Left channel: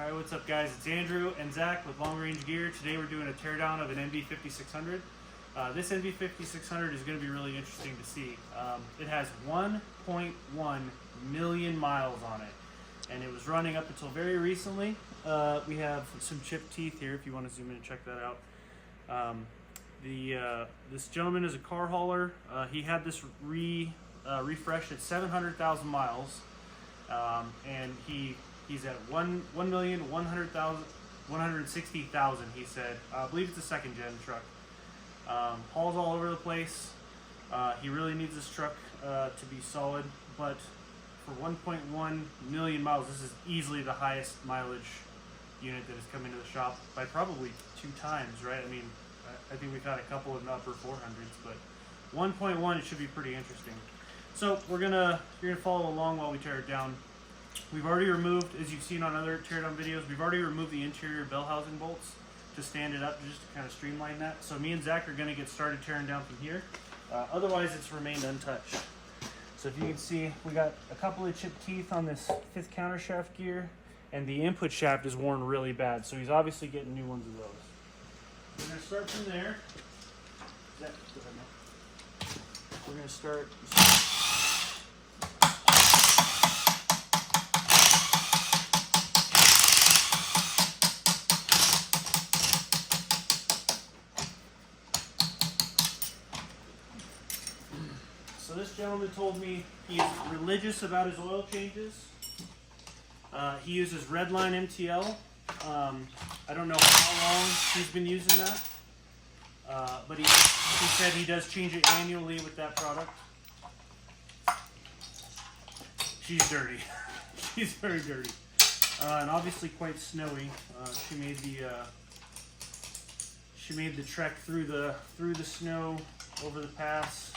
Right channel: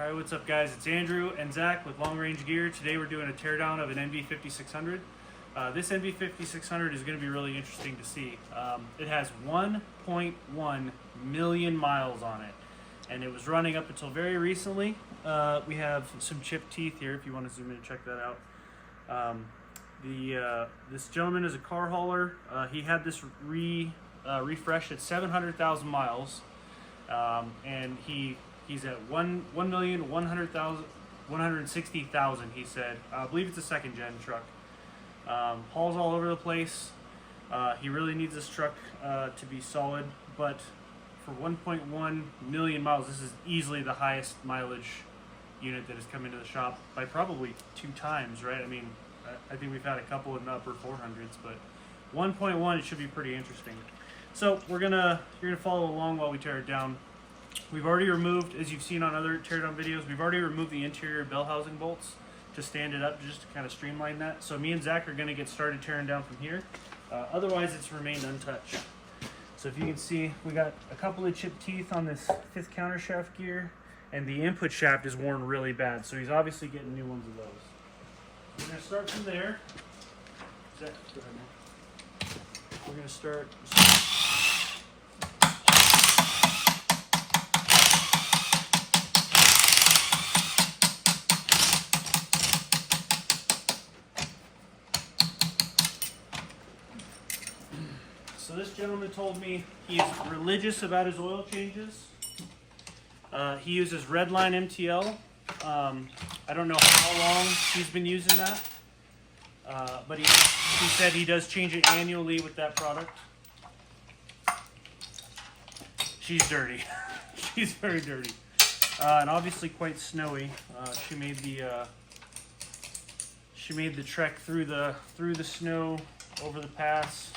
Alright, what's up guys? It's Andrew and Zach with Long Range Gear. Today we're doing a teardown of an NV5600. This NV5600 is going to be really interesting to see. It has 1.1 million miles on it, and it was running up until very recently. We have some chipped teeth here if you want to zoom in and check that out. This gentleman is a car hauler. He had this refreshed at 700,000 miles, and he's at 1,160,000. He said. I believe it's a second gen truck. Hauls all over the place. He really needs this truck to be solid, but for 1.1 million miles, this is easily the highest mileage unit that has come into the shop by probably 2 times, right? I mean, I think we've had a couple in the upper 400s, but 1.1, it should be pretty interesting. So you're gonna follow along while we tear it down. We've already removed, as you've seen on other teardown videos, we've already removed the interior bell housing bolts to stand it up, just to kind of streamline that. So me and Zach are gonna get started tearing down from here. Otherwise, it's remained untouched. So if you can see, we got a couple of chipped teeth on this 5th countershaft gear, and the input shaft is worn really bad. So he's obviously getting new ones of those. We're gonna start from there. Zach, go ahead, man. We're gonna start. So this gentleman told me he's religious about his oil changes. He uses Redline MTL. I don't know how long he's been using that, but he said he does change it annually with that product. She's dirty. She's very dirty, and obviously quite snowy. She made the trek through the snow over the pass.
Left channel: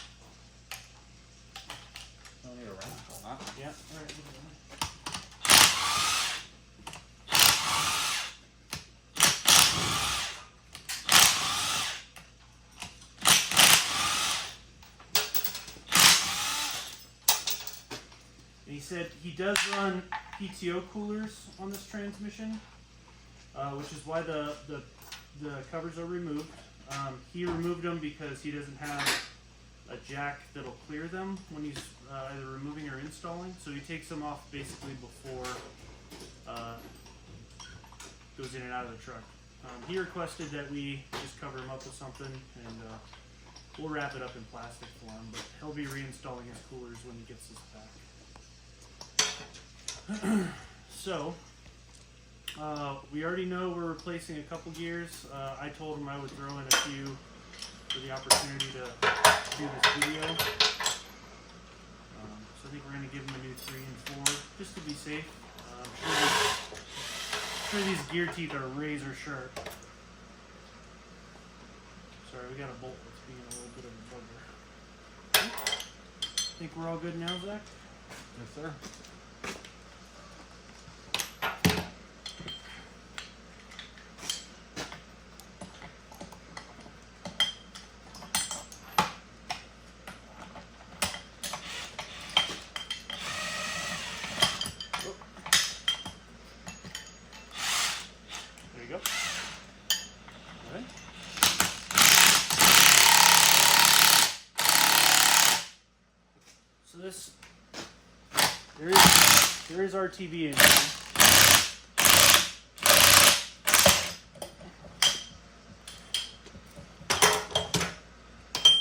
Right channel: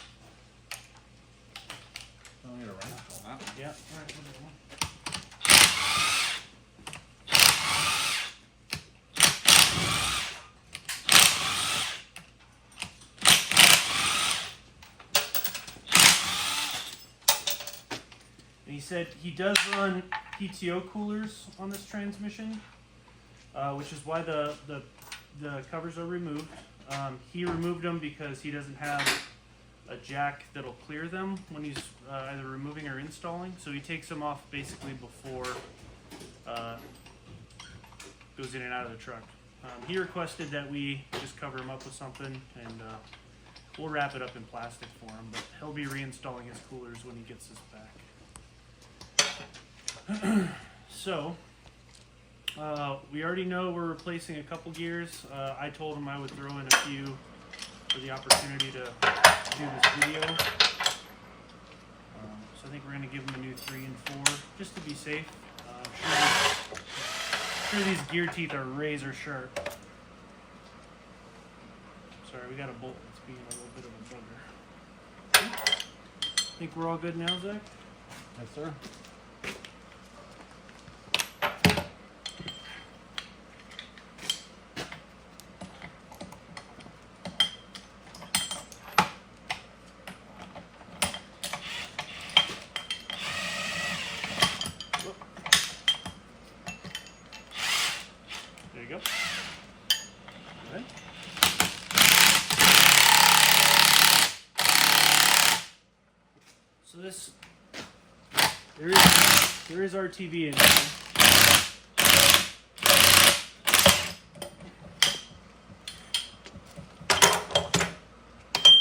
Yeah. He said he does run PTO coolers on this transmission, which is why the covers are removed. He removed them because he doesn't have a jack that'll clear them when he's either removing or installing, so he takes them off basically before goes in and out of the truck. He requested that we just cover him up with something, and we'll wrap it up in plastic for him, but he'll be reinstalling his coolers when he gets this back. So we already know we're replacing a couple gears. I told him I would throw in a few for the opportunity to do this video. So I think we're going to give him a new 3 and 4 just to be safe. I'm sure these gear teeth are razor sharp. Sorry, we got a bolt that's being a little bit of a bugger. Think we're all good now, Zach? Yes, sir. There you go. All right. So there is RTB in here. I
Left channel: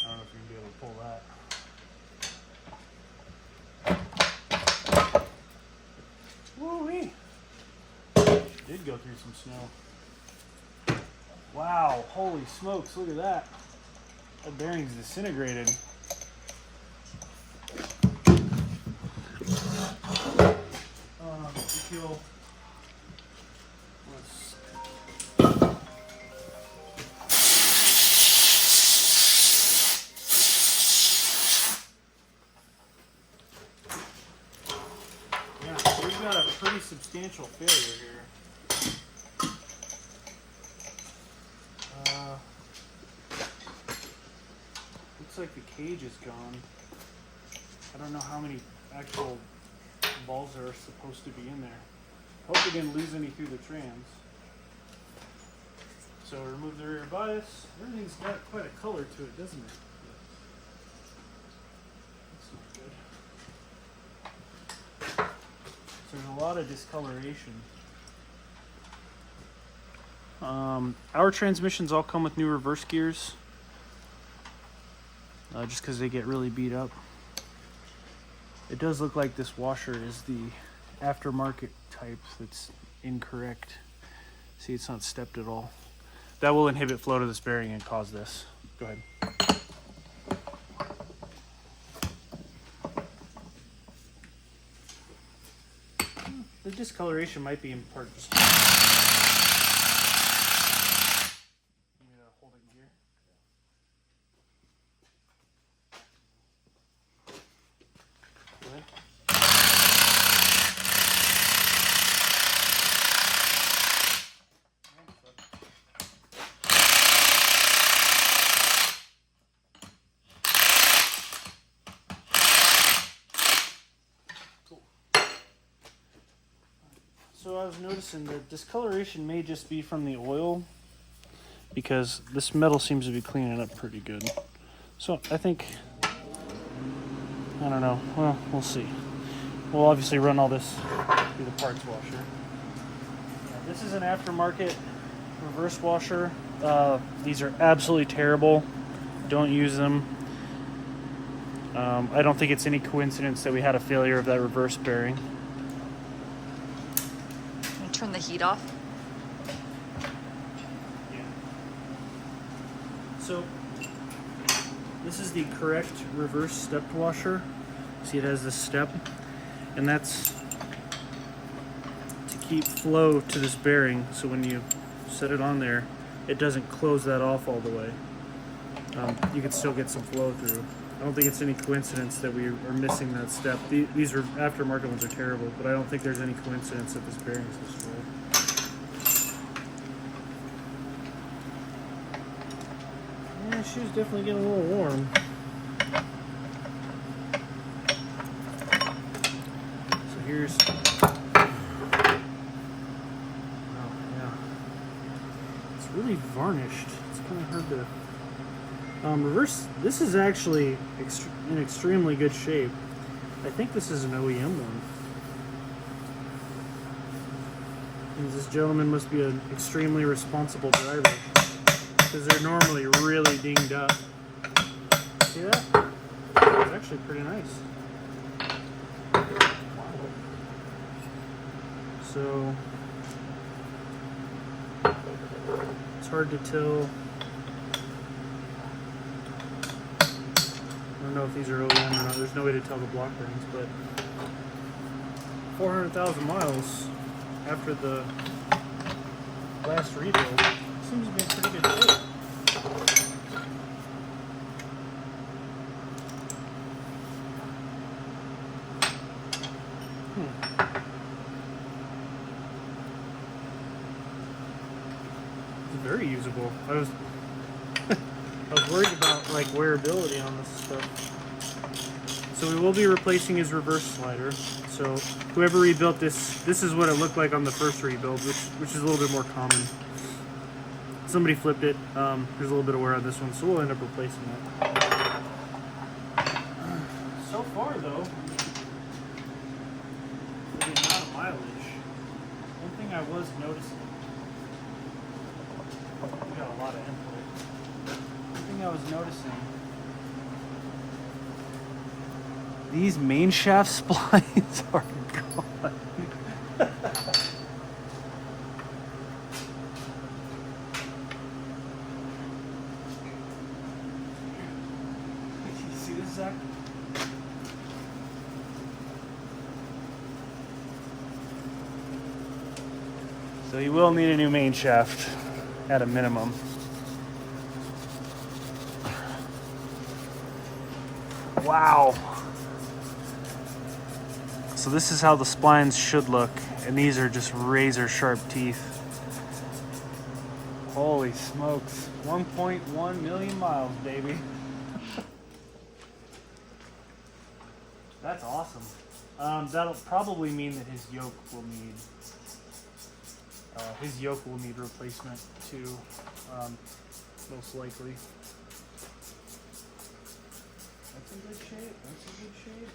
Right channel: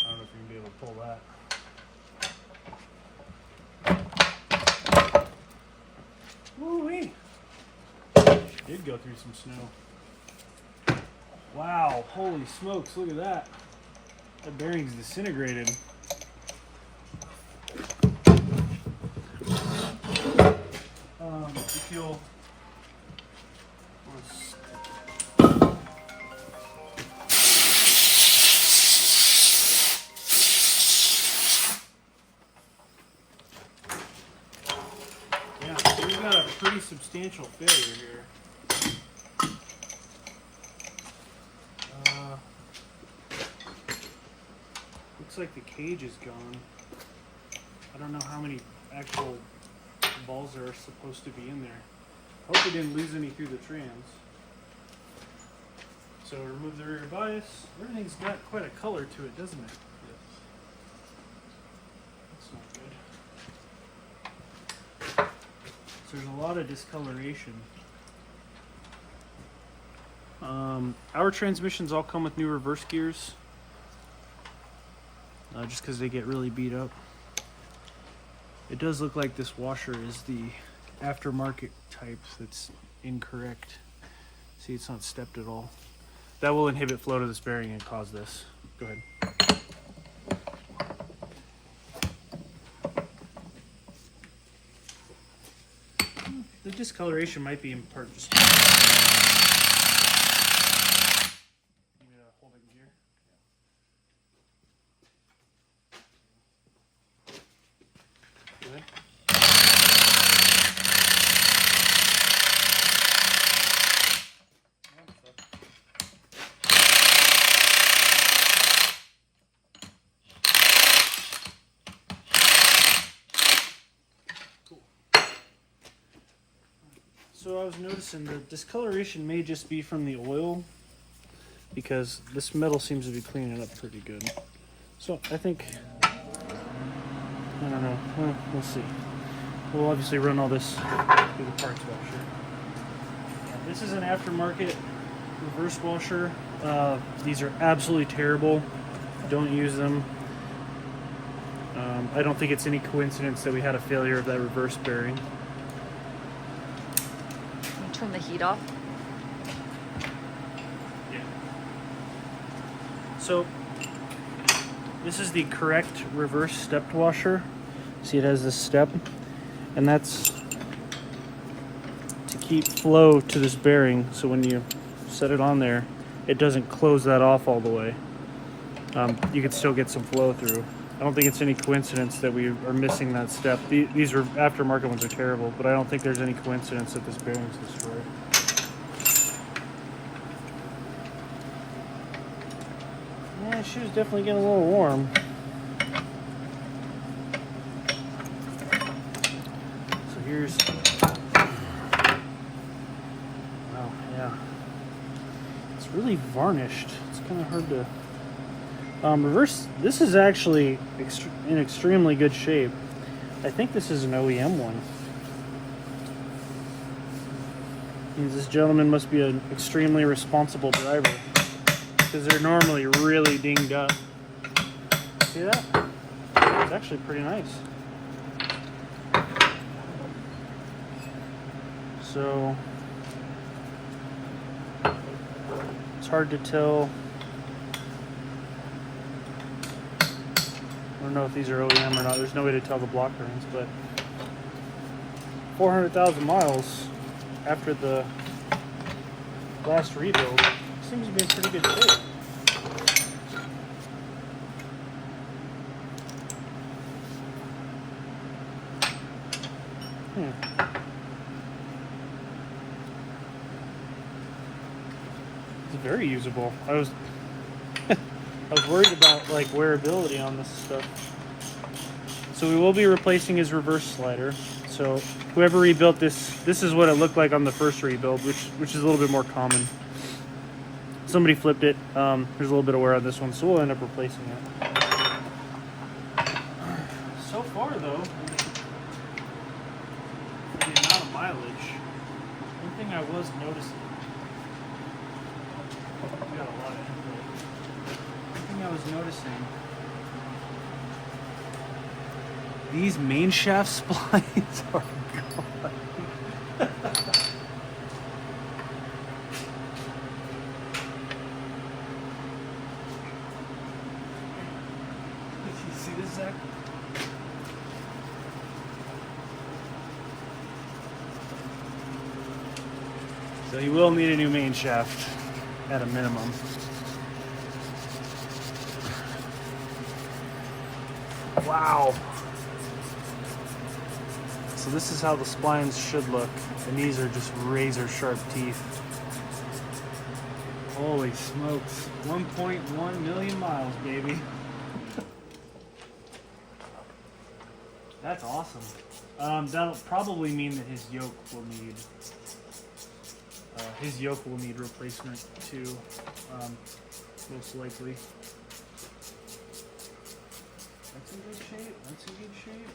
don't know if you can be able to pull that. Woo-wee! Did go through some snow. Wow, holy smokes, look at that. That bearing's disintegrated. If you'll... Yeah, so we've got a pretty substantial failure here. Looks like the cage is gone. I don't know how many actual balls are supposed to be in there. Hope we didn't lose any through the trans. So remove the rear bias. Everything's got quite a color to it, doesn't it? Yep. That's not good. So there's a lot of discoloration. Our transmissions all come with new reverse gears, just because they get really beat up. It does look like this washer is the aftermarket type that's incorrect. See, it's not stepped at all. That will inhibit flow to this bearing and cause this. Go ahead. The discoloration might be in part just holding gear. Go ahead. So I was noticing the discoloration may just be from the oil, because this metal seems to be cleaning up pretty good. So I think, I don't know, well, we'll see. We'll obviously run all this through the parts washer. Yeah, this is an aftermarket reverse washer. These are absolutely terrible. Don't use them. I don't think it's any coincidence that we had a failure of that reverse bearing. Turn the heat off. Yeah. So this is the correct reverse stepped washer. See, it has this step, and that's to keep flow to this bearing, so when you set it on there, it doesn't close that off all the way. You can still get some flow through. I don't think it's any coincidence that we are missing that step. These are aftermarket ones are terrible, but I don't think there's any coincidence that this bearing is destroyed. Yeah, the shoe's definitely getting a little warm. So here's... Oh, yeah. It's really varnished. It's kind of hard to... reverse, this is actually in extremely good shape. I think this is an OEM one. And this gentleman must be an extremely responsible driver, because they're normally really dinged up. See that? It's actually pretty nice. So, it's hard to tell. I don't know if these are OEM or not. There's no way to tell the block bearings, but 400,000 miles after the last rebuild seems to be in pretty good shape. It's very usable. I was worried about like wearability on this stuff. So we will be replacing his reverse slider. So whoever rebuilt this is what it looked like on the first rebuild, which is a little bit more common. Somebody flipped it. There's a little bit of wear on this one, so we'll end up replacing it. So far though, for the amount of mileage, one thing I was noticing, we got a lot of input. One thing I was noticing, these main shaft splines are gone. You see this, Zach? So you will need a new main shaft at a minimum. Wow. So this is how the splines should look, and these are just razor sharp teeth. Holy smokes. 1.1 million miles, baby. That's awesome. That'll probably mean that his yoke will need His yoke will need replacement too, most likely. That's in good shape. That's in good shape.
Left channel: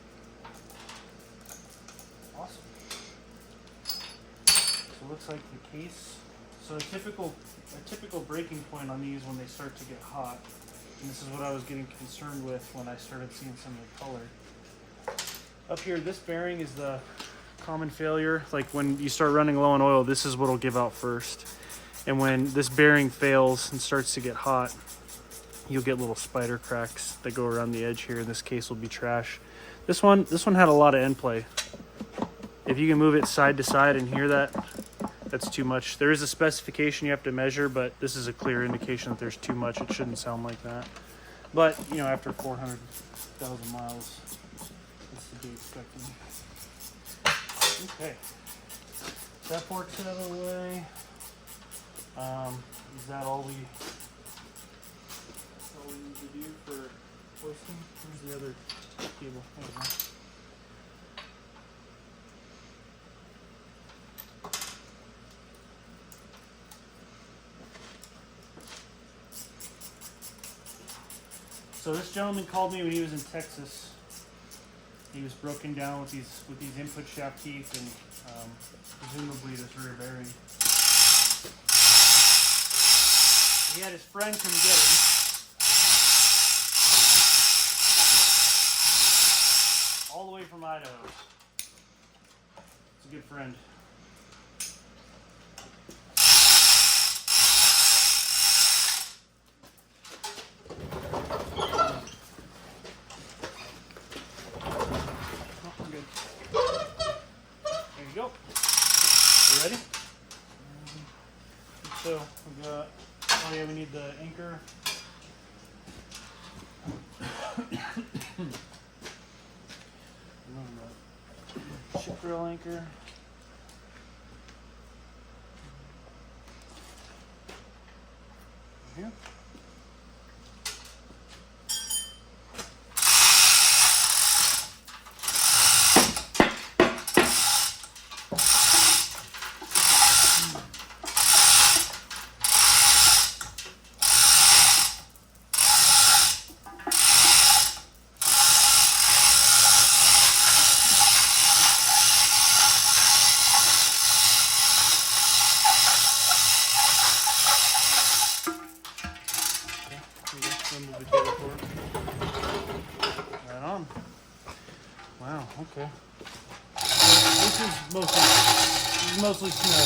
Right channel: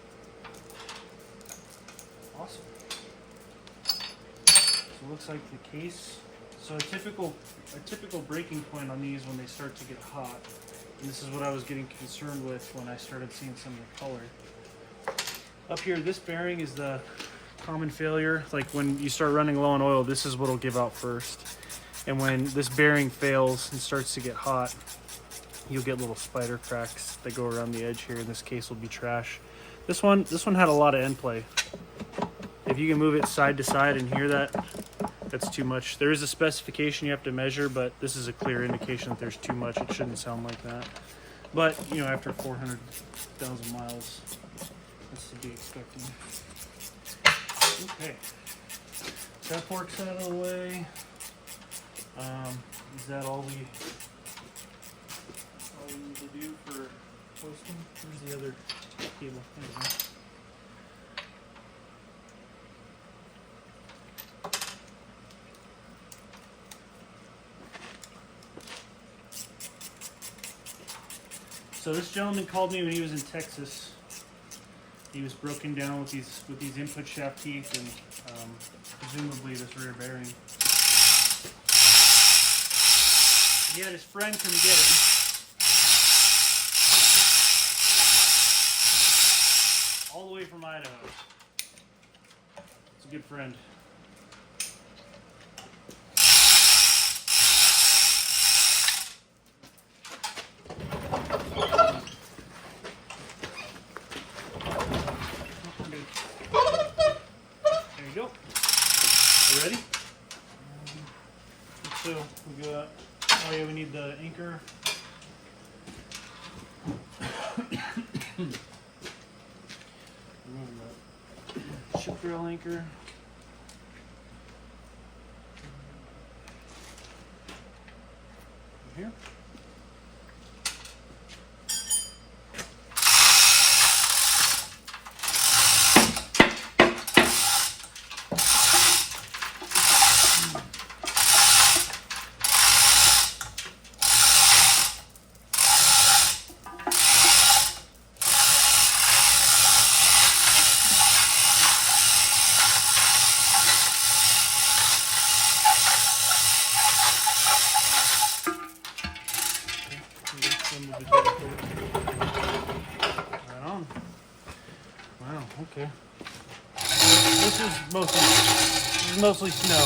Awesome. So it looks like the case. So a typical breaking point on these when they start to get hot, and this is what I was getting concerned with when I started seeing some of the color. Up here, this bearing is the common failure. Like when you start running low on oil, this is what'll give out first. And when this bearing fails and starts to get hot, you'll get little spider cracks that go around the edge here. In this case will be trash. This one had a lot of end play. If you can move it side to side and hear that, that's too much. There is a specification you have to measure, but this is a clear indication that there's too much. It shouldn't sound like that. But, you know, after 400,000 miles, that's to be expected. Okay. That fork's out of the way. Is that all we need to do for hoisting? Where's the other cable? There we go. So this gentleman called me when he was in Texas. He was broken down with these input shaft teeth and presumably this rear bearing. He had his friend come get him. All the way from Idaho. It's a good friend. Ready? So we got, oh yeah, we need the anchor. Ship drill anchor. Right here. Right on. Wow, okay. This is mostly snow.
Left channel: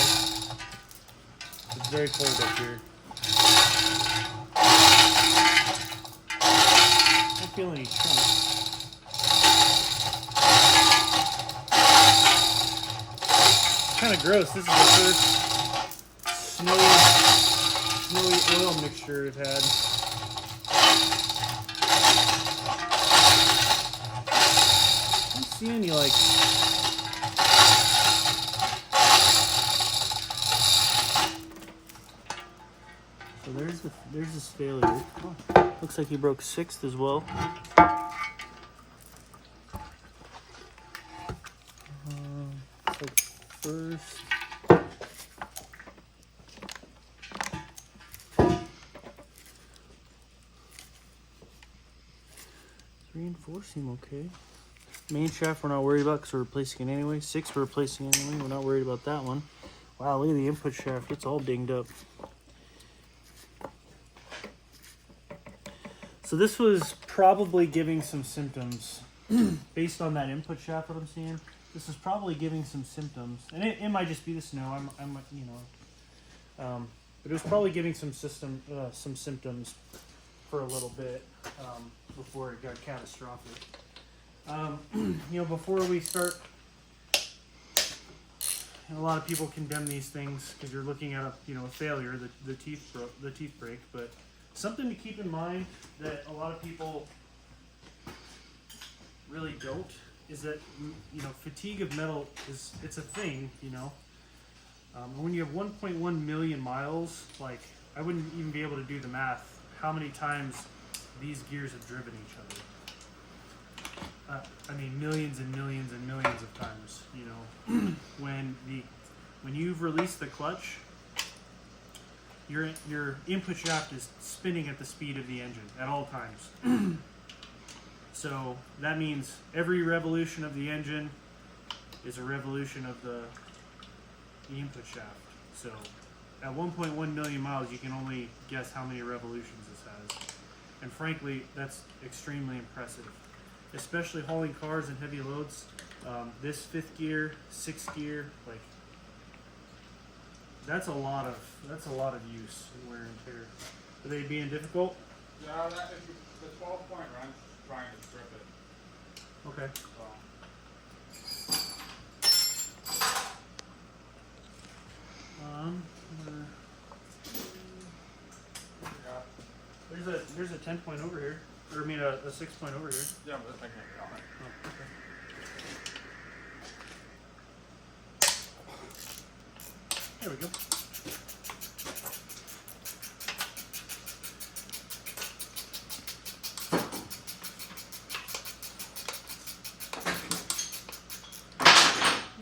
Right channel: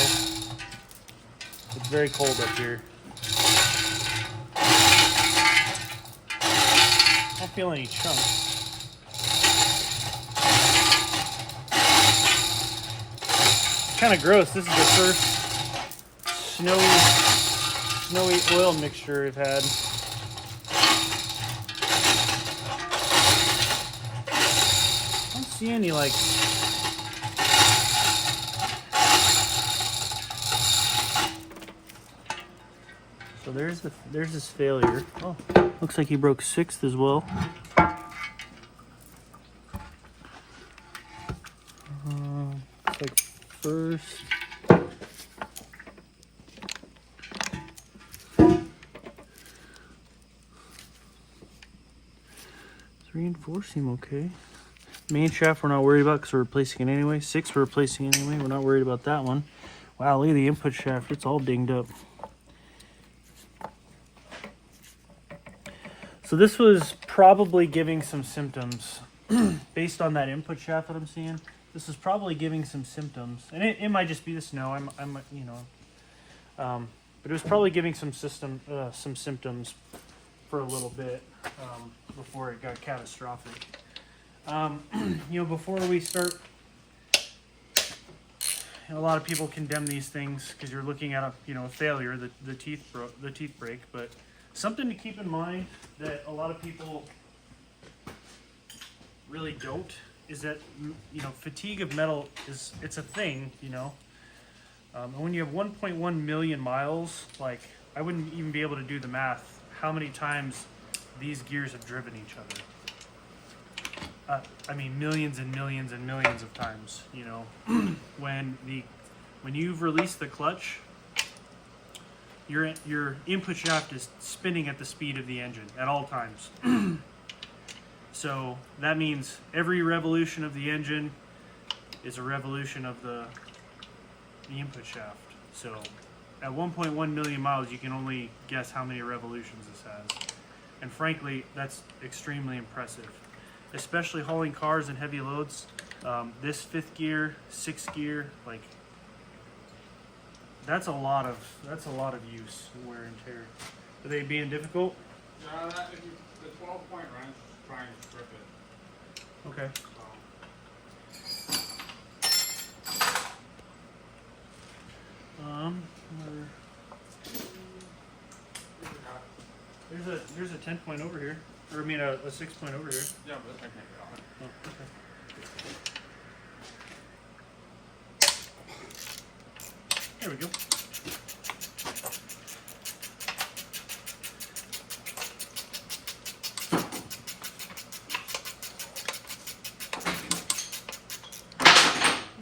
It's very cold up here. I don't feel any chunks. It's kind of gross. This is the first snowy oil mixture we've had. I don't see any like so there's this failure. Oh, looks like he broke 6th as well. Looks like first. Reinforcing okay. Main shaft we're not worried about because we're replacing it anyway. 6 we're replacing anyway. We're not worried about that one. Wow, look at the input shaft. It's all dinged up. So this was probably giving some symptoms based on that input shaft that I'm seeing. This is probably giving some symptoms, and it might just be the snow. I'm you know, but it was probably giving some symptoms for a little bit before it got catastrophic. You know, before we start, a lot of people condemn these things because you're looking at a failure, the teeth break. But something to keep in mind that a lot of people really don't is that fatigue of metal it's a thing. And when you have 1.1 million miles, like I wouldn't even be able to do the math how many times these gears have driven each other. I mean, millions and millions and millions of times, when the when you've released the clutch, your input shaft is spinning at the speed of the engine at all times. So that means every revolution of the engine is a revolution of the input shaft. So at 1.1 million miles, you can only guess how many revolutions this has. And frankly, that's extremely impressive, especially hauling cars and heavy loads. This 5th gear, 6th gear, like that's a lot of use and wear and tear. Are they being difficult? Yeah, the 12-point wrench is trying to strip it. Okay. There's a 10-point over here, or I mean a 6-point over here. Yeah, but I can't get on it. Oh, okay. There we go.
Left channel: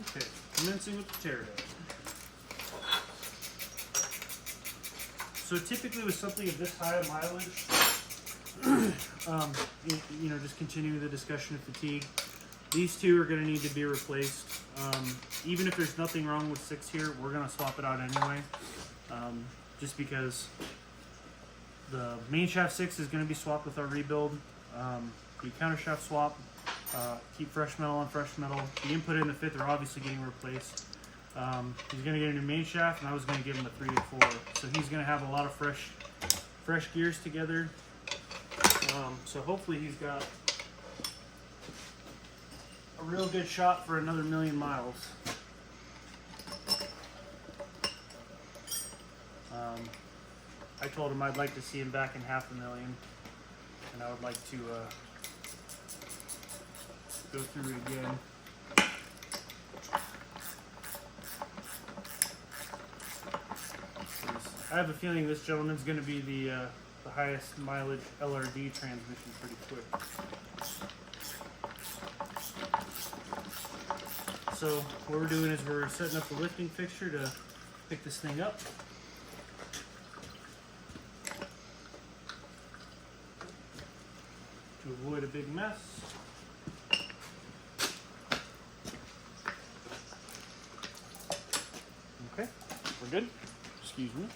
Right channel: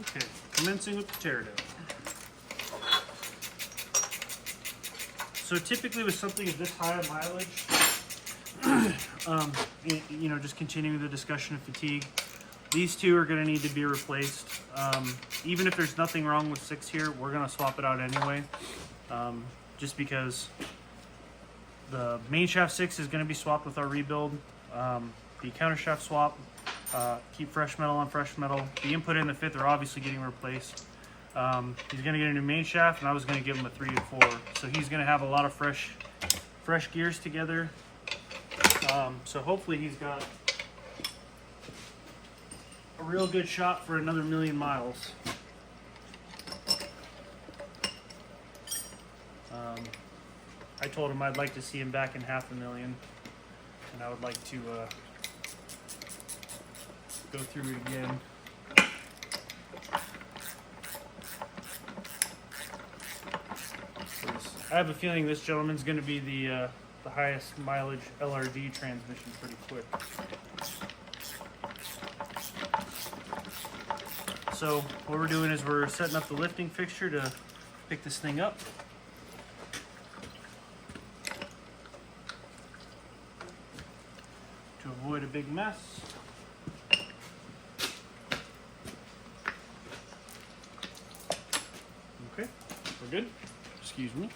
Okay, commencing with the teardown. So typically with something of this high of mileage, you know, just continuing the discussion of fatigue, these two are going to need to be replaced. Even if there's nothing wrong with 6 here, we're going to swap it out anyway, just because the main shaft 6 is going to be swapped with our rebuild. The countershaft swap, keep fresh metal on fresh metal. The input in the 5th are obviously getting replaced. He's going to get a new main shaft, and I was going to give him a 3 and 4. So he's going to have a lot of fresh gears together. So hopefully he's got a real good shot for another 1,000,000 miles. I told him I'd like to see him back in 500,000, and I would like to go through it again. I have a feeling this gentleman's going to be the highest mileage LRD transmission pretty quick. So what we're doing is we're setting up the lifting fixture to pick this thing up. To avoid a big mess. Okay, we're good. Excuse me.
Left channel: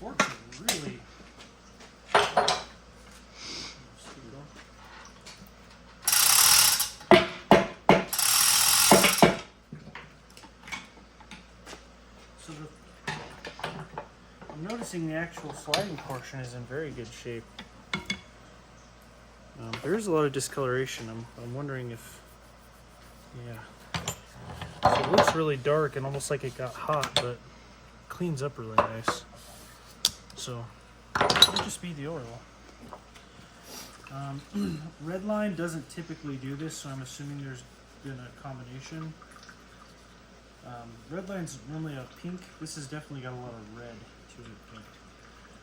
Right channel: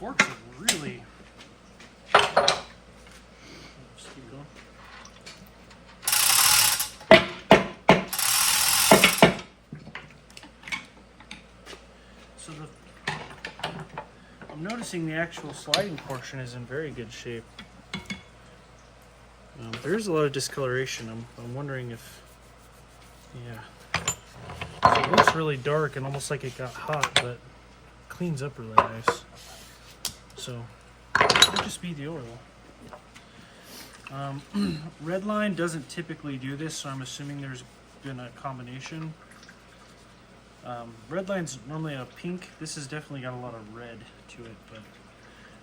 Forks are really. Just keep going. So I'm noticing the actual sliding portion is in very good shape. There's a lot of discoloration. I'm wondering if, yeah. So it looks really dark and almost like it got hot, but cleans up really nice. So it might just be the oil. Redline doesn't typically do this, so I'm assuming there's been a combination. Redline's normally a pink. This has definitely got a lot of red to it, but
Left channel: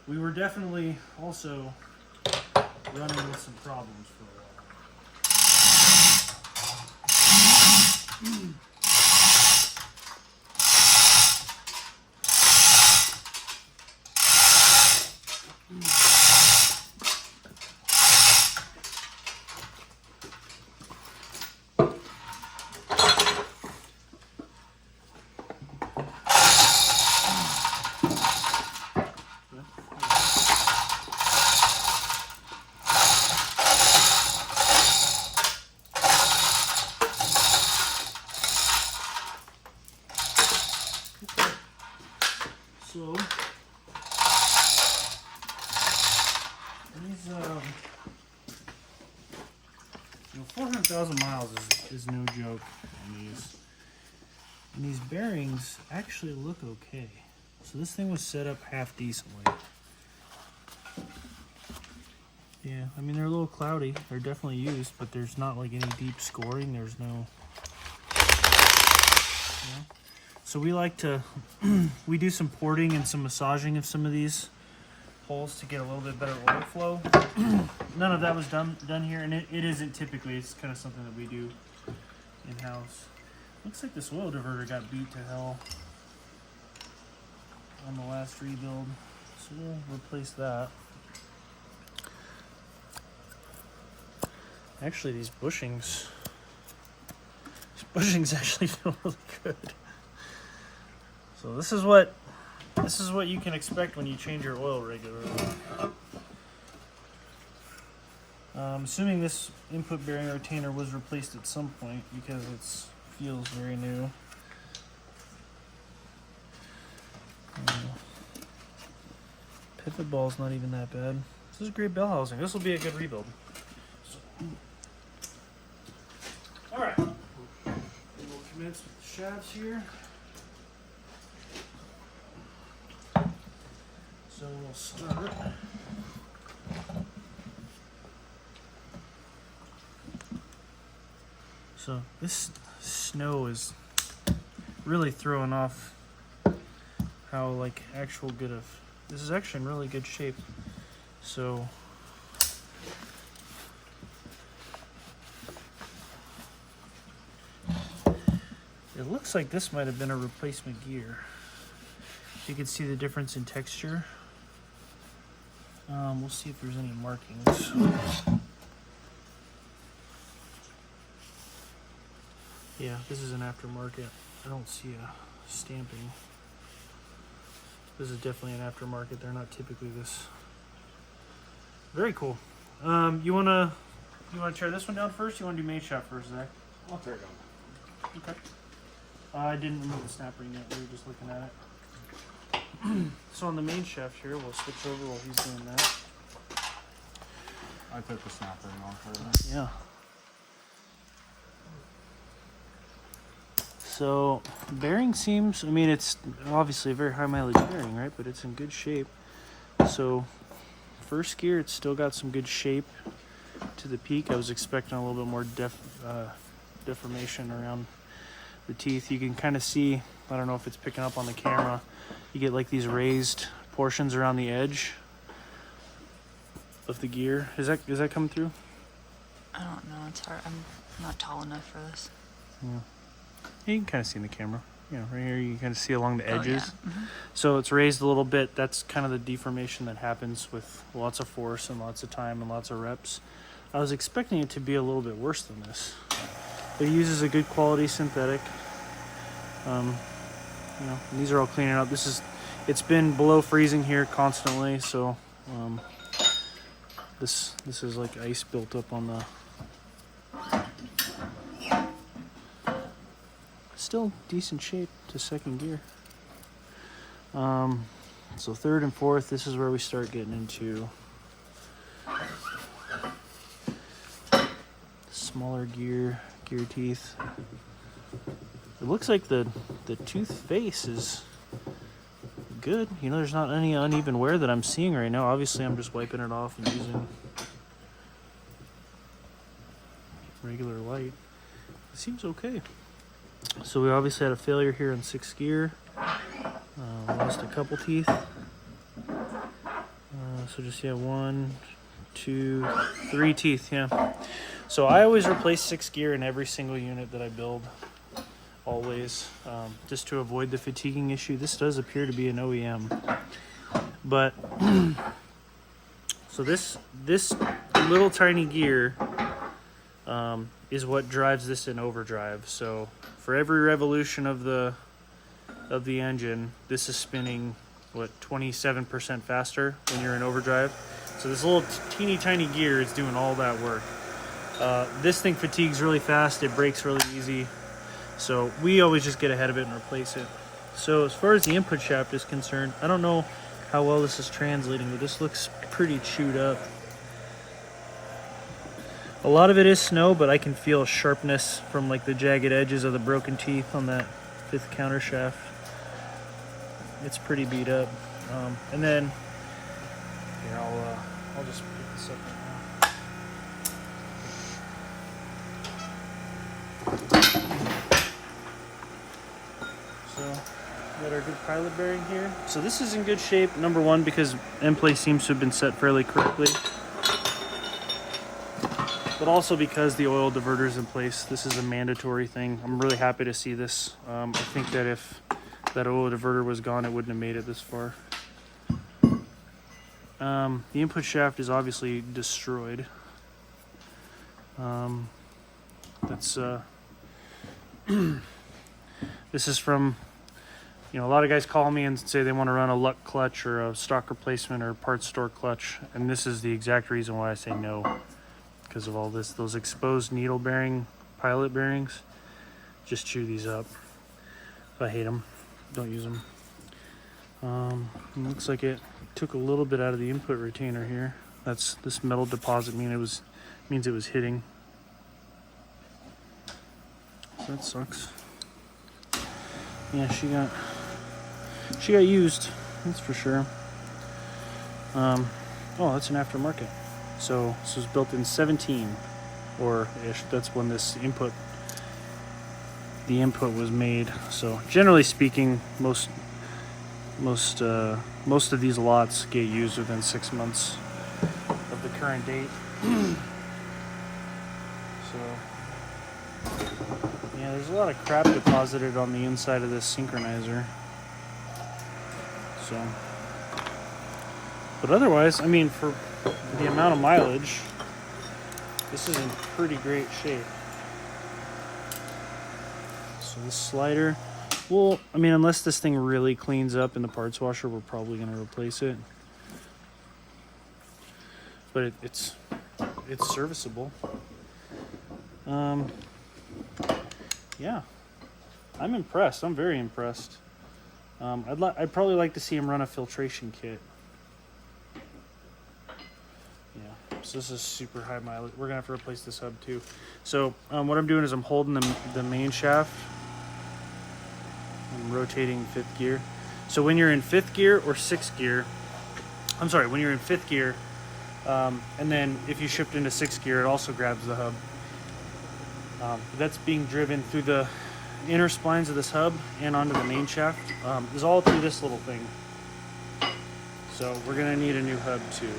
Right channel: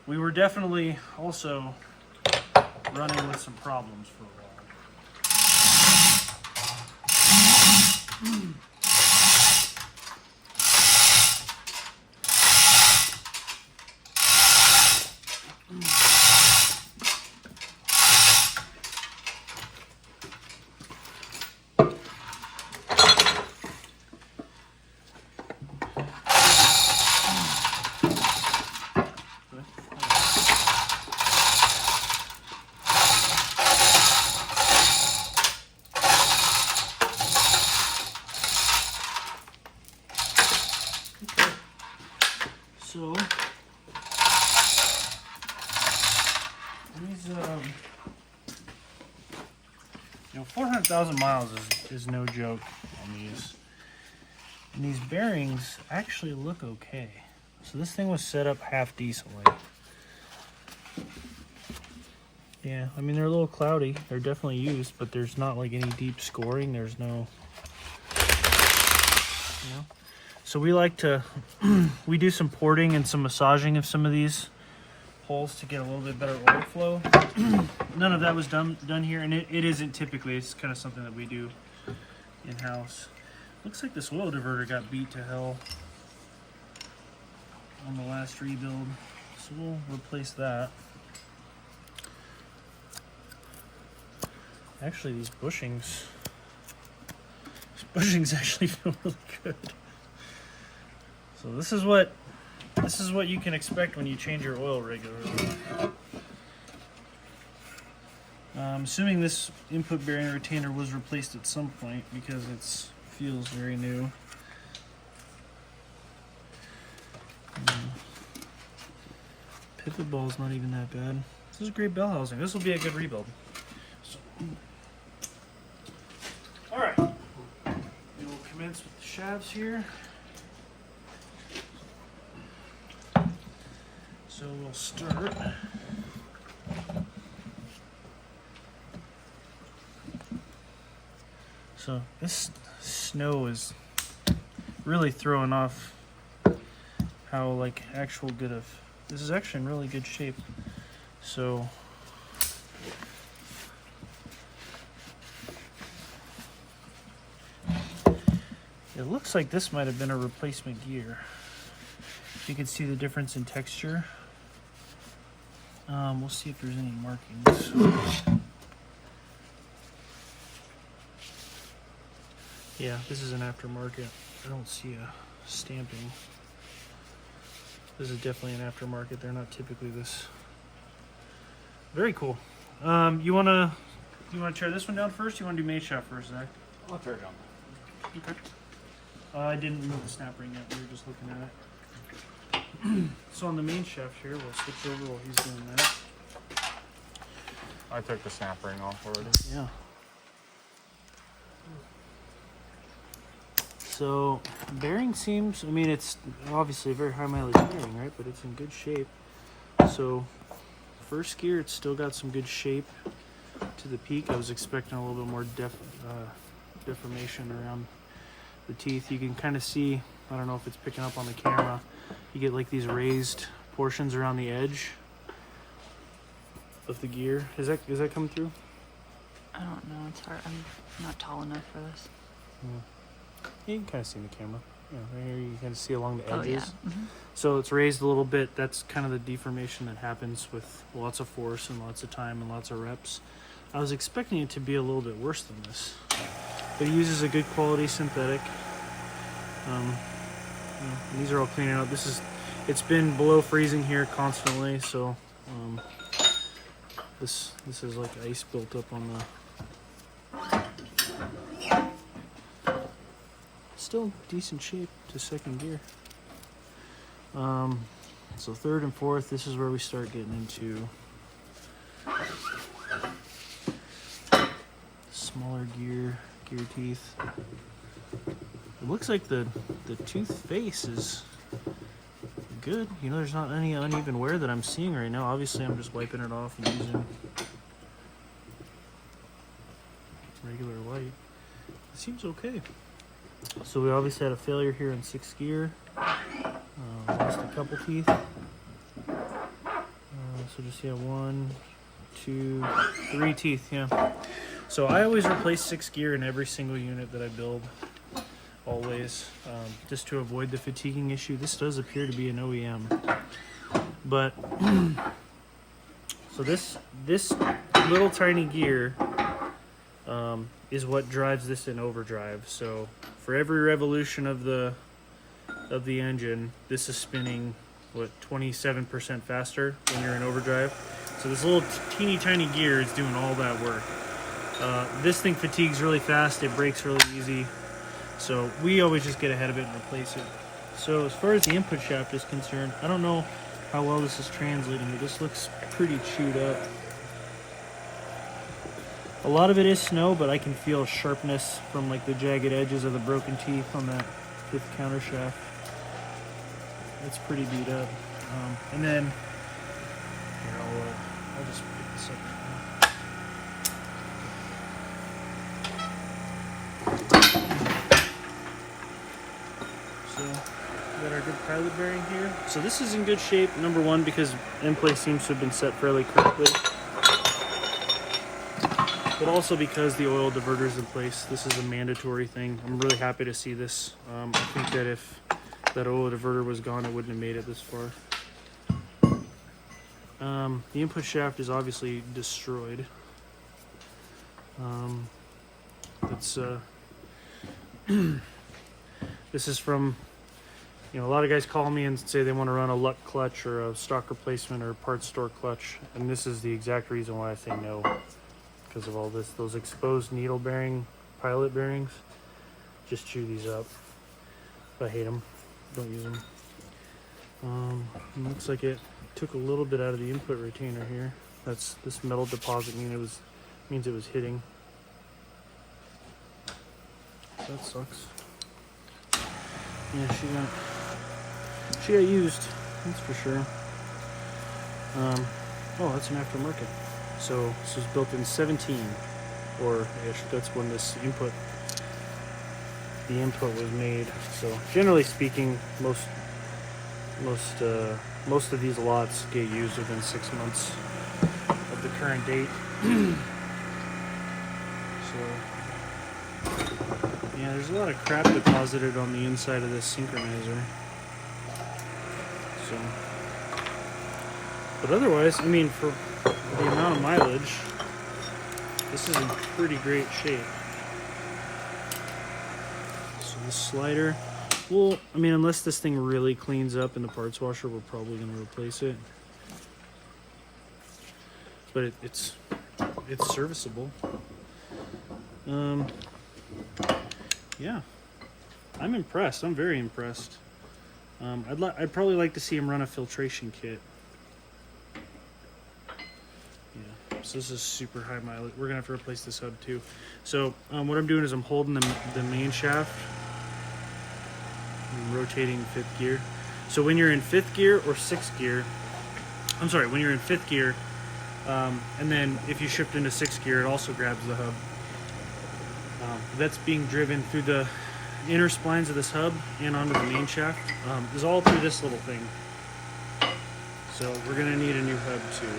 we were definitely also running with some problems for a while. these, you know, 400,000 miles is no joke on these. And these bearings actually look okay. So this thing was set up half decently. Yeah, I mean, they're a little cloudy. They're definitely used, but there's not like any deep scoring. There's no, you know. So we like to, we do some porting and some massaging of some of these holes to get a little bit better oil flow. None of that was done here, and it isn't typically. It's kind of something that we do in-house. Looks like this oil diverter got beat to hell on the last rebuild, so we'll replace that. Actually, these bushings actually feel really good. So this is what you can expect when you change your oil regularly. I'm assuming this input bearing retainer was replaced at some point because it feels very new. Pivot ball's not even that bad. This is great bell housing. This will be a good rebuild. So, all right, we'll commence with the shafts here. So we'll start. So this snow is really throwing off how like actual good of, this is actually in really good shape. So it looks like this might have been a replacement gear. You can see the difference in texture. We'll see if there's any markings. Yeah, this is an aftermarket. I don't see a stamping. This is definitely an aftermarket. They're not typically this. Very cool. You wanna tear this one down first? Or you wanna do main shaft first, Zach? I'll tear it down. Okay. I didn't remove the snap ring yet. We were just looking at it. So on the main shaft here, we'll switch over while he's doing that. I took the snap ring off already. Yeah. So bearing seems, I mean, it's obviously a very high mileage bearing, right? But it's in good shape. So first gear, it's still got some good shape to the peak. I was expecting a little bit more deformation around the teeth. You can kind of see, I don't know if it's picking up on the camera, you get like these raised portions around the edge of the gear. Is that coming through? I don't know. It's hard. I'm not tall enough for this. Yeah. You can kind of see in the camera. You know, right here you can see along the edges. Oh, yeah. Mm-hmm. So it's raised a little bit. That's kind of the deformation that happens with lots of force and lots of time and lots of reps. I was expecting it to be a little bit worse than this. But it uses a good quality synthetic. You know, these are all cleaning up. It's been below freezing here constantly, so this is like ice built up on the. Still decent shape to second gear. So third and fourth, this is where we start getting into smaller gear teeth. It looks like the tooth face is good. You know, there's not any uneven wear that I'm seeing right now. Obviously, I'm just wiping it off and using regular light. It seems okay. So we obviously had a failure here in sixth gear. Lost a couple teeth. So just, yeah, 1, 2, 3 teeth, yeah. So I always replace sixth gear in every single unit that I build. Always, just to avoid the fatiguing issue. This does appear to be an OEM, but so this little tiny gear is what drives this in overdrive. So for every revolution of the engine, this is spinning what 27% faster when you're in overdrive. So this little teeny tiny gear is doing all that work. This thing fatigues really fast. It breaks really easy. So we always just get ahead of it and replace it. So as far as the input shaft is concerned, I don't know how well this is translating, but this looks pretty chewed up. A lot of it is snow, but I can feel sharpness from like the jagged edges of the broken teeth on that 5th counter shaft. It's pretty beat up. And then here, I'll just pick this up right now. So we got our good pilot bearing here. So this is in good shape. Number one, because end plate seems to have been set fairly correctly, but also because the oil diverter is in place. This is a mandatory thing. I'm really happy to see this. I think that if that oil diverter was gone, it wouldn't have made it this far. The input shaft is obviously destroyed. That's this is from, you know, a lot of guys call me and say they want to run a luck clutch or a stock replacement or parts store clutch, and this is the exact reason why I say no, because of all this. Those exposed needle bearing pilot bearings just chew these up. I hate them. Don't use them. It looks like it took a little bit out of the input retainer here. That's this metal deposit means it was hitting. So that sucks. Yeah, she got used, that's for sure. Oh, that's an aftermarket. So this was built in 17 or ish. That's when the input was made. So generally speaking, most of these lots get used within 6 months of the current date. So yeah, there's a lot of crap deposited on the inside of this synchronizer. So, but otherwise, I mean, for the amount of mileage, this is in pretty great shape. So this slider, well, I mean, unless this thing really cleans up in the parts washer, we're probably going to replace it. But it's serviceable. Yeah, I'm impressed. I'm very impressed. I'd probably like to see him run a filtration kit. Yeah, so this is super high mileage. We're gonna have to replace this hub too. So what I'm doing is I'm holding the main shaft. I'm rotating 5th gear. So when you're in 5th gear or 6th gear, I'm sorry, when you're in 5th gear, and then if you shift into 6th gear, it also grabs the hub. That's being driven through the inner splines of this hub and onto the main shaft. Is all through this little thing. So we're gonna need a new hub too.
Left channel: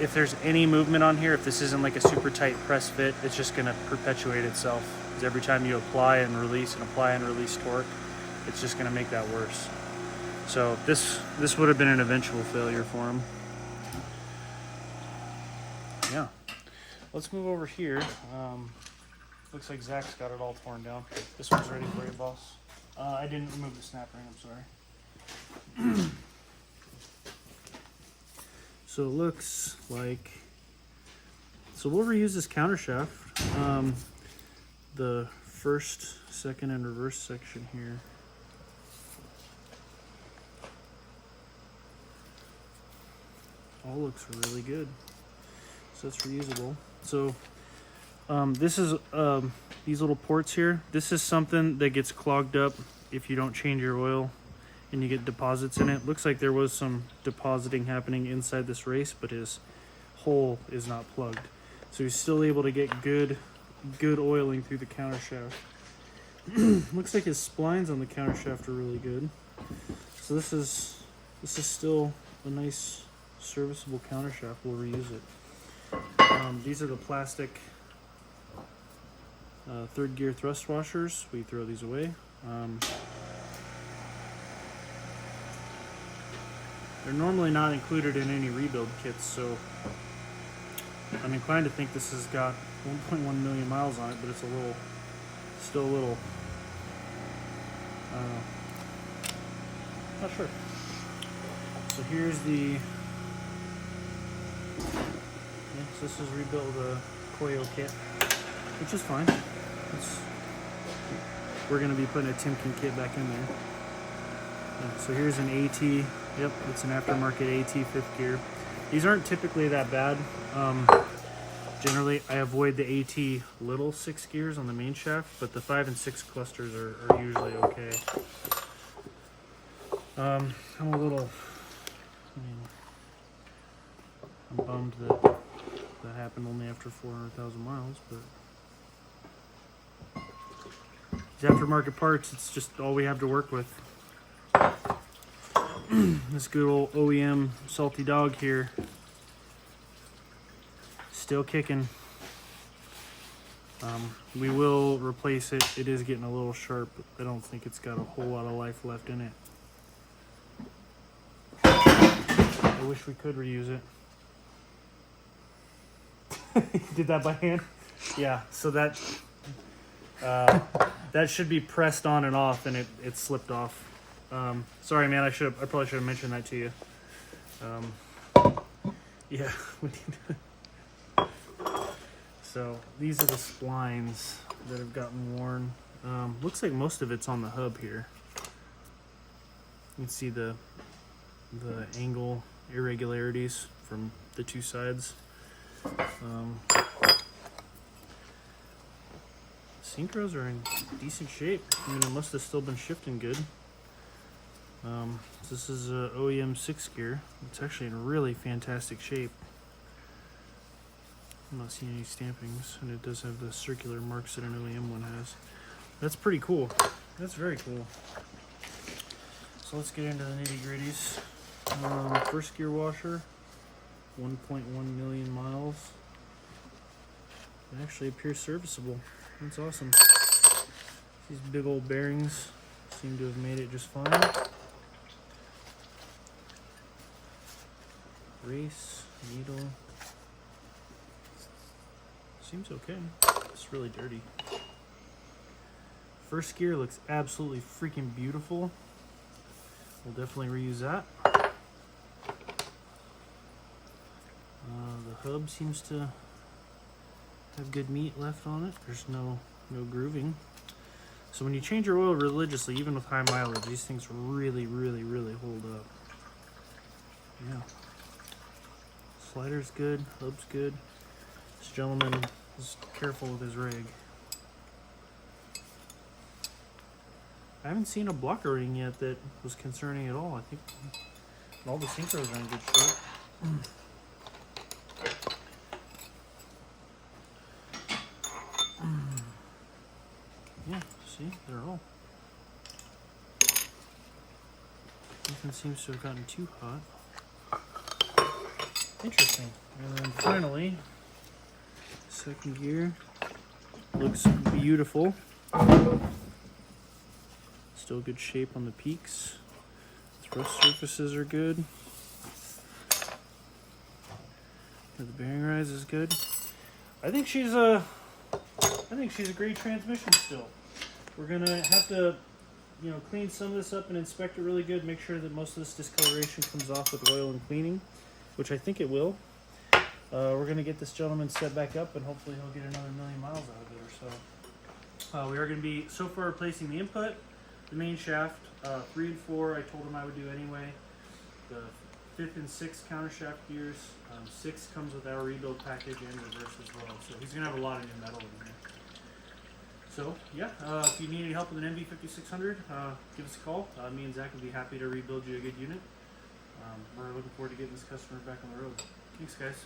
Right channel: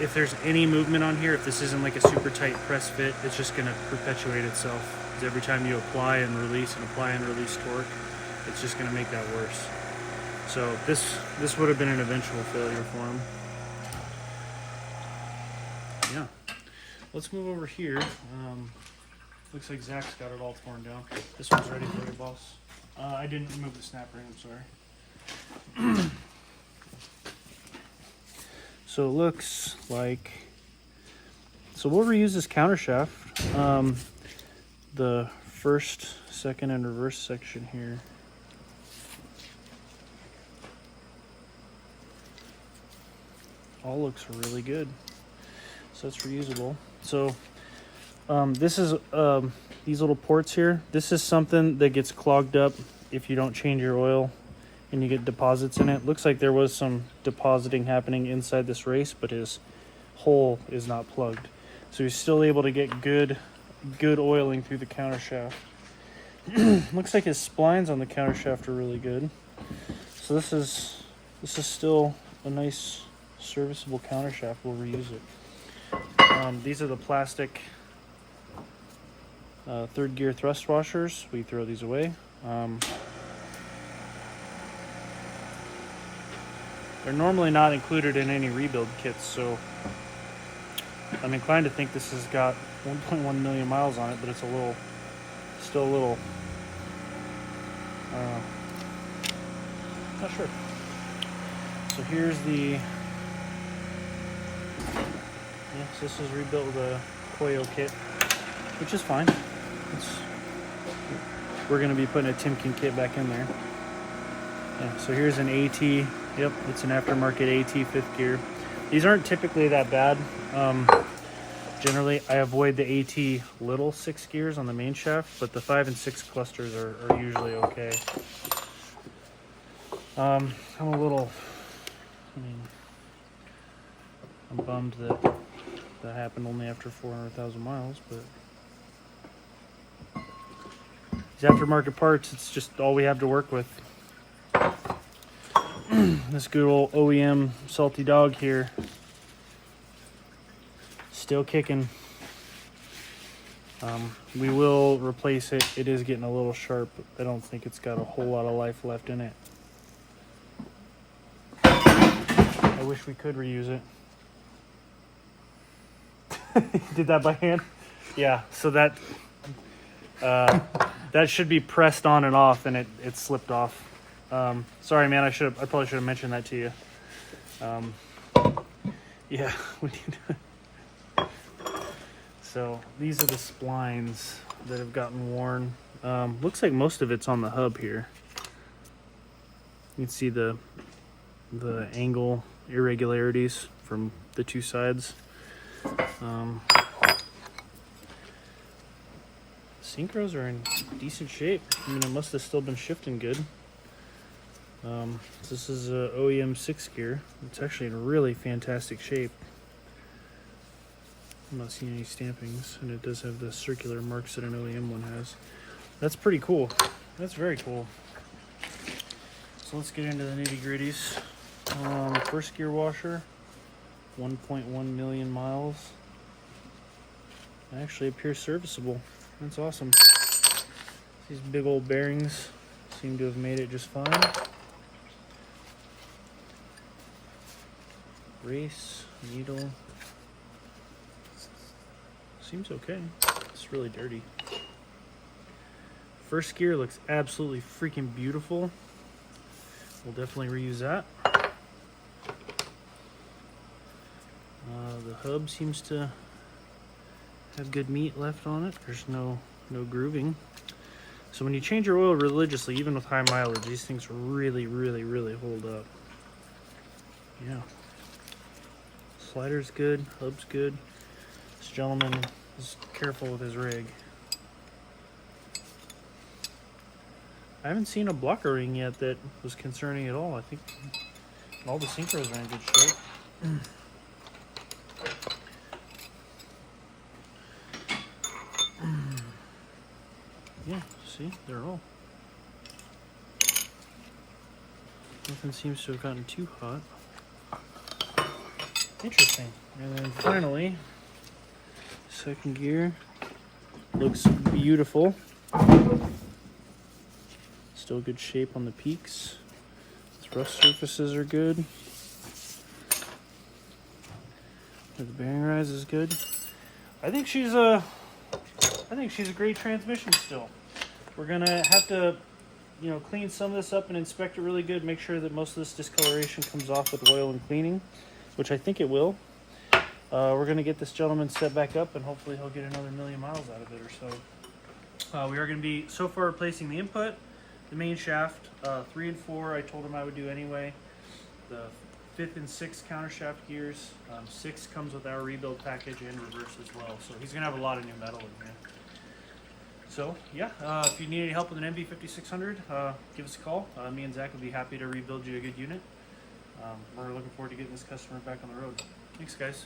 If there's any movement on here, if this isn't like a super tight press fit, it's just gonna perpetuate itself. Every time you apply and release torque, it's just gonna make that worse. So this would have been an eventual failure for him. Yeah. Let's move over here. Looks like Zach's got it all torn down. This one's ready for you, boss. I didn't remove the snap ring, I'm sorry. So it looks like, so we'll reuse this counter shaft. The first, second, and reverse section here. All looks really good. So it's reusable. So this is these little ports here. This is something that gets clogged up if you don't change your oil and you get deposits in it. Looks like there was some depositing happening inside this race, but his hole is not plugged. So he's still able to get good oiling through the counter shaft. Looks like his splines on the counter shaft are really good. So this is still a nice serviceable counter shaft. We'll reuse it. These are the plastic 3rd gear thrust washers. We throw these away. They're normally not included in any rebuild kits, so I'm inclined to think this has got 1.1 million miles on it, but it's still a little, I don't know, not sure. So here's the, so this is rebuilt with a Koyo kit, which is fine. We're going to be putting a Timken kit back in there. Yeah, so here's an AT. Yep, it's an aftermarket AT 5th gear. These aren't typically that bad. Generally, I avoid the AT little 6 gears on the main shaft, but the 5 and 6 clusters are usually okay. I'm a little, I'm bummed that that happened only after 400,000 miles, but these aftermarket parts, it's just all we have to work with. This good old OEM salty dog here, still kicking. We will replace it. It is getting a little sharp. I don't think it's got a whole lot of life left in it. I wish we could reuse it. Did that by hand? Yeah, so that that should be pressed on and off, and it slipped off. Sorry, man. I probably should have mentioned that to you. Yeah, we need. So these are the splines that have gotten worn. Looks like most of it's on the hub here. You can see the angle irregularities from the two sides. Synchros are in decent shape. I mean, it must have still been shifting good. This is a OEM 6 gear. It's actually in really fantastic shape. I'm not seeing any stampings, and it does have the circular marks that an OEM one has. That's pretty cool. That's very cool. So let's get into the nitty gritties. First gear washer, 1.1 million miles. It actually appears serviceable. That's awesome. These big old bearings seem to have made it just fine. Race, needle. Seems okay. It's really dirty. First gear looks absolutely freaking beautiful. We'll definitely reuse that. The hub seems to have good meat left on it. There's no grooving. So when you change your oil religiously, even with high mileage, these things really hold up. Yeah. Slider's good, hub's good. This gentleman is careful with his rig. I haven't seen a blocker ring yet that was concerning at all. I think all the synchros are in good shape. Yeah, see, they're all. Nothing seems to have gotten too hot. Interesting. And then finally, second gear looks beautiful. Still good shape on the peaks. Thrust surfaces are good. The bearing rise is good. I think she's a great transmission still. We're gonna have to, clean some of this up and inspect it really good. Make sure that most of this discoloration comes off with oil and cleaning, which I think it will. We're gonna get this gentleman set back up, and hopefully he'll get another 1,000,000 miles out of it or so. We are gonna be so far replacing the input, the main shaft, 3 and 4. I told him I would do anyway. The 5th and 6th counter shaft gears. 6 comes with our rebuild package and reverse as well. So he's gonna have a lot of new metal in there. So yeah, if you need any help with an NV5600, give us a call. Me and Zach would be happy to rebuild you a good unit. We're looking forward to getting this customer back on the road. Thanks, guys.